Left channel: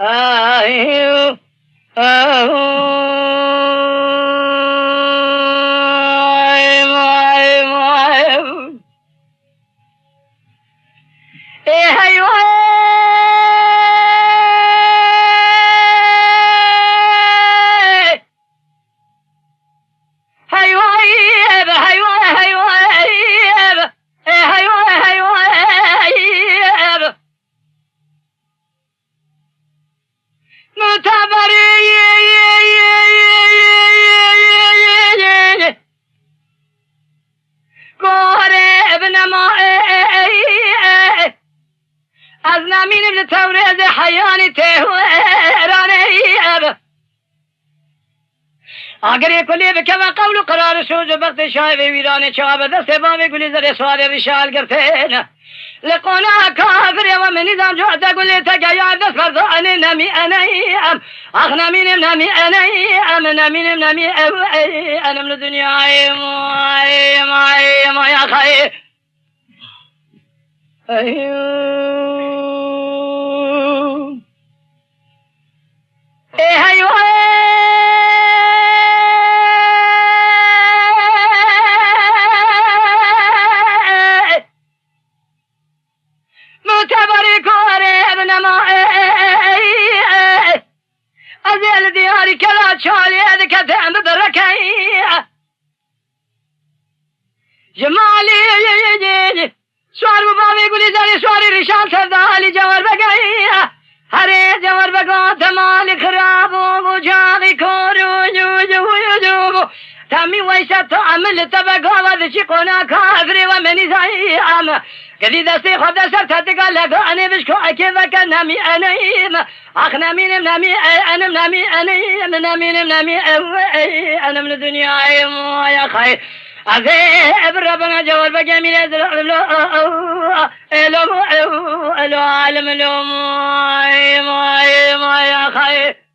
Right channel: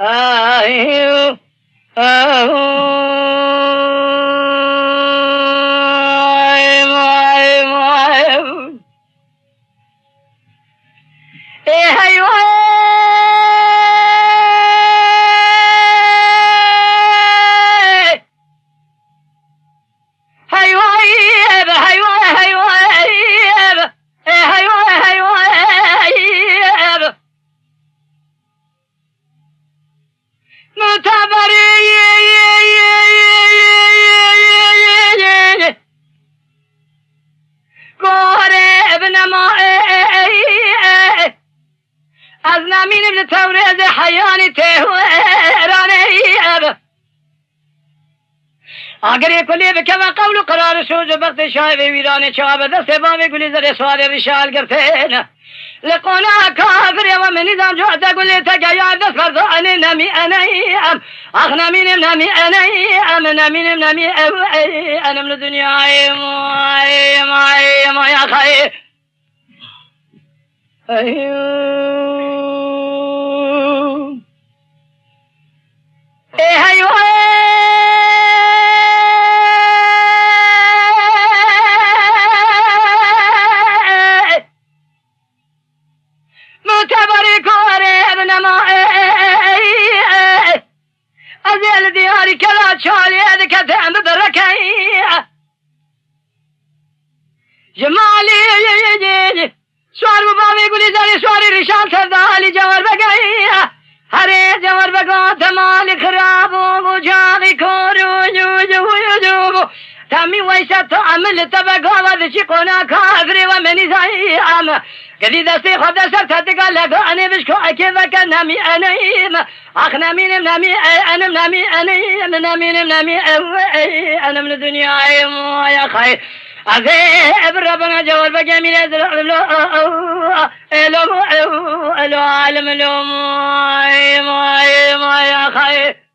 أيوه از نمین ابن تورز حیانی تهورانی اگر کلی بکم قول و قرار شوز بخت شای ویران چاب دست بام گلی زر سوار رشال گرفین لقونا کافر و من نظام جوعت گلی تگیا دست فرضان نمی انیم اخ نمین نمی انیم نمین نمی انم لدنیای ما یا خیر أيوه أيوه متبرك ورب نما أزل دياري كلا شالي هذيك تعم بركي جمالي سوار بابی گلی زاری سواری رشان سردالی جوار بگئی هره جوار بگا تمالی خراب و جاغی کورو جو تامی ویسا تو عمل تبگا و دشی قونا کافری و منی زایی قدی دستی خود سر تدگا لگانی بشکو اکی وکا نمی انیم اخ نمینم نمی انم نمی انیم نمینم نمی انم لدنیای مویا خیر عذاب ربنا جوال بجميل الو عالم اليوم ما يا خير